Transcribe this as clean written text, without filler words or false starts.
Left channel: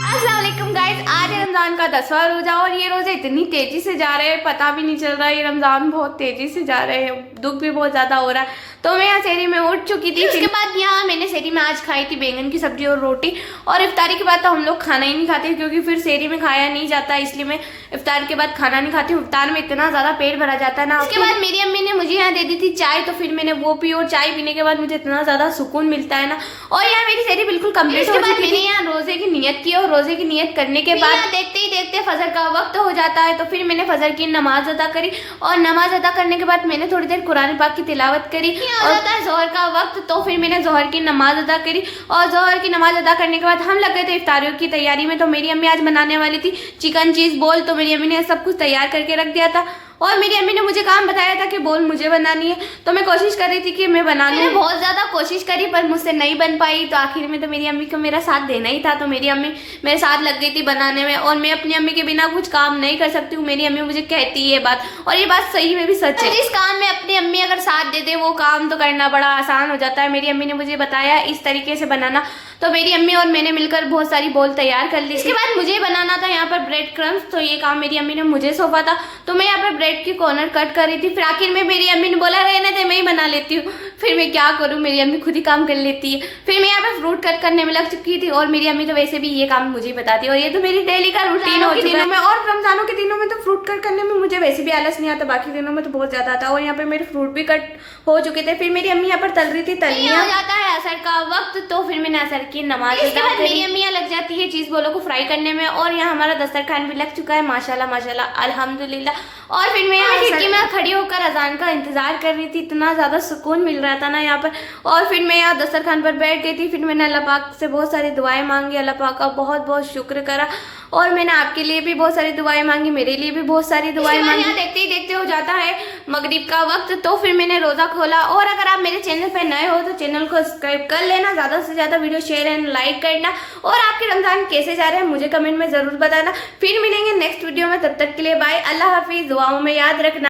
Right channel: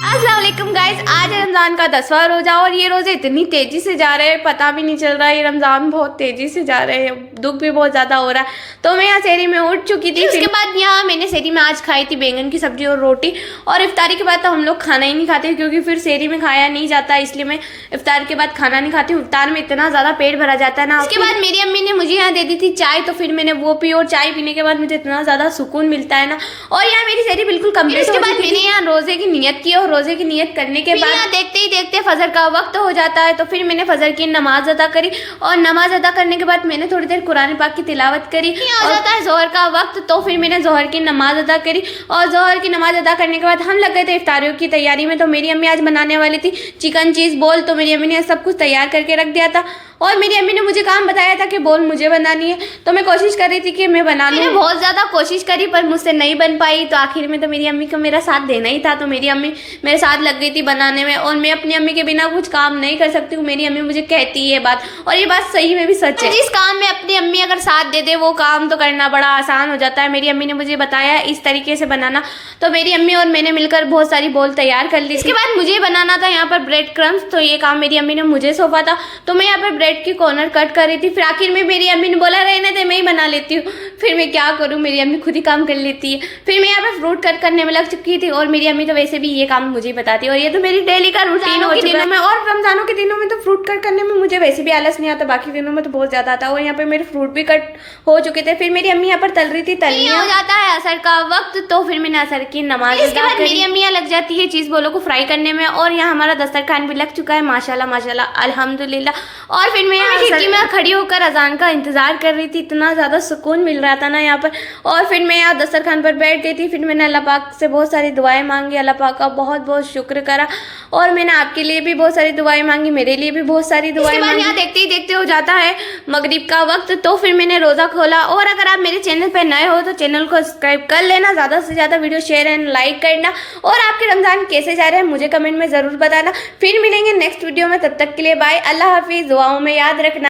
अस्सलाम वालेकुम गाइस, आज रमज़ान का 10वां रोज़ा और ये रोज़े इतनी तेज़ी से जा रहे हैं, पता भी नहीं चल रहा है। ये रमज़ान बहुत तेज़ी से जा रहे हैं, दुख भी बहुत ज़्यादा हो रहा है। तो मैं यहाँ सहरी में उठ चुकी थी। उसके बाद यहाँ मैंने सहरी में आज खाई थी बैंगन की सब्जी और रोटी। और इफ्तारी के बाद तो हम लोग खाना ही नहीं खाते क्योंकि फिर सहरी में खाया नहीं जाता, इसलिए मैं इफ्तार के बाद खाना नहीं खाती हूँ। इफ्तार में इतना ज़्यादा पेट भरा जाता है ना। उसके बाद मेरी अम्मी ने मुझे यहाँ दे दी थी चाय, तो फिर मैंने वो पी और चाय पीने के बाद मुझे इतना ज़्यादा सुकून मिलता है ना। और यहाँ मेरी सहरी बिल्कुल कम्प्लीट हो चुकी थी। मैंने यहाँ रोज़े की नियत की और रोज़े की नियत करने के बाद देखते ही देखते फजर का वक्त हो जाता है। तो फिर मैंने फजर की नमाज अदा करी और नमाज अदा करने के बाद मैंने थोड़ी देर कुरान पाक की तिलावत करी। और होता है जोहर का वक्त, तो फिर मैंने जोहर की नमाज अदा करी। और जोहर की नमाज अदा करने के बाद हम लग गए थे इफ्तारियों की तैयारी में। तो मेरी अम्मी आज बनाने वाली थी चिकन चीज़ बोल, तो मेरी अम्मी ने सब कुछ तैयार करके रख दिया था। और मेरी अम्मी ने मुझे काम बताया था कि बोल मुझे बनानी है, तो मैं कोशिश कर रही थी कि मैं बना लूँ। बहुत ज़्यादा कोशिश करी पर मुझसे नहीं बन पाई। तो आखिर में तो मेरी अम्मी को मेरा साथ देना ही था, तो मेरी अम्मी मेरे साथ लग गई थी बनाने में। और मैं अपनी अम्मी के बिना कुछ काम नहीं कर सकती हूँ, मेरी अम्मी मुझे कहती है बात, और ये बात सही में भी सच है। जिस काम में अपनी अम्मी अगर साथ दे दे वो काम तो करना बड़ा आसान हो जाता है। मेरी अम्मी ने मुझे बताया इस तरीके से बनाना, तो मेरी अम्मी और मैंने मिलकर बहुत सारी बोल तैयार कर ली। इसके बाद मुझे बनाना था यहाँ पर ब्रेड क्रम्स, तो ये काम मेरी अम्मी ने मुझे सौंपा था। तो मैं यहाँ पर ब्रेड की कॉर्नर कट कर रही थी। फिर आखिर में मेरी अम्मी ने बोला रहने दे मैं ही बना लेती हूँ। फिर मैं क्या करूँ, मेरी अम्मी खुद ही काम कर लेती है। फिर मैं यहाँ पे फ्रूट कट करने में लग चुकी थी और मेरी अम्मी तो वैसे भी ये काम मुझे बताती है और ये तो मेरी डेली का रूटीन हो दिनों में। और रमजानों के दिनों में तो फ्रूट कट करने में मुझे वैसे भी आलस नहीं आता, बाकी दिनों में तो बहुत ज्यादा आता है। और यहाँ पे मेरे फ्रूट भी कट हो चुके थे। फिर मेरी अम्मी यहाँ पर तल रही थी, तलियां हो जाता है असर का वक्त, तो फिर मैंने असर की नमाज। इसके बाद मेरी अम्मी यहाँ लग जाती है चीज बोलों को फ्राई करने में। और यहाँ हमारा दस्तरखान भी लग चुका है, माशाल्लाह माशाल्लाह अल्हम्दुलिल्लाह। और फिर मैं यहाँ खिड़की में खड़ी होकर अजान का इंतजार कर रही थी, इतना ज़्यादा सुकून मिल रहा था ना यहाँ पर। और फिर मैं यहाँ दस्तरखान पर बैठ गई थी। फिर मैंने अल्लाह पाक से बहुत सारी दुआएं मांगी, अल्लाह पाक का बहुत बहुत शुक्र करा। और मैंने आपके लिए भी बहुत सारी दुआएं मांगी, मेरे लिए भी बहुत सारी दुआएं मांगी। यहाँ देखते ही देखते हो जाता है मगरिब का वक्त, तो फिर मैंने रोज़ा खोला। और अगर आप मेरे चैनल पर नए हो तो चैनल को सब्सक्राइब कर लेना, ज़्यादा से ज़्यादा वीडियो शेयर एंड लाइक करना। और आपके रमज़ान कैसे जा रहे हैं मुझे कमेंट में ज़रूर बताना। फिर मिलेंगे नेक्स्ट वीडियो में, तब तक के लिए बाय, अल्लाह हाफिज़। दुआओं में याद रखना।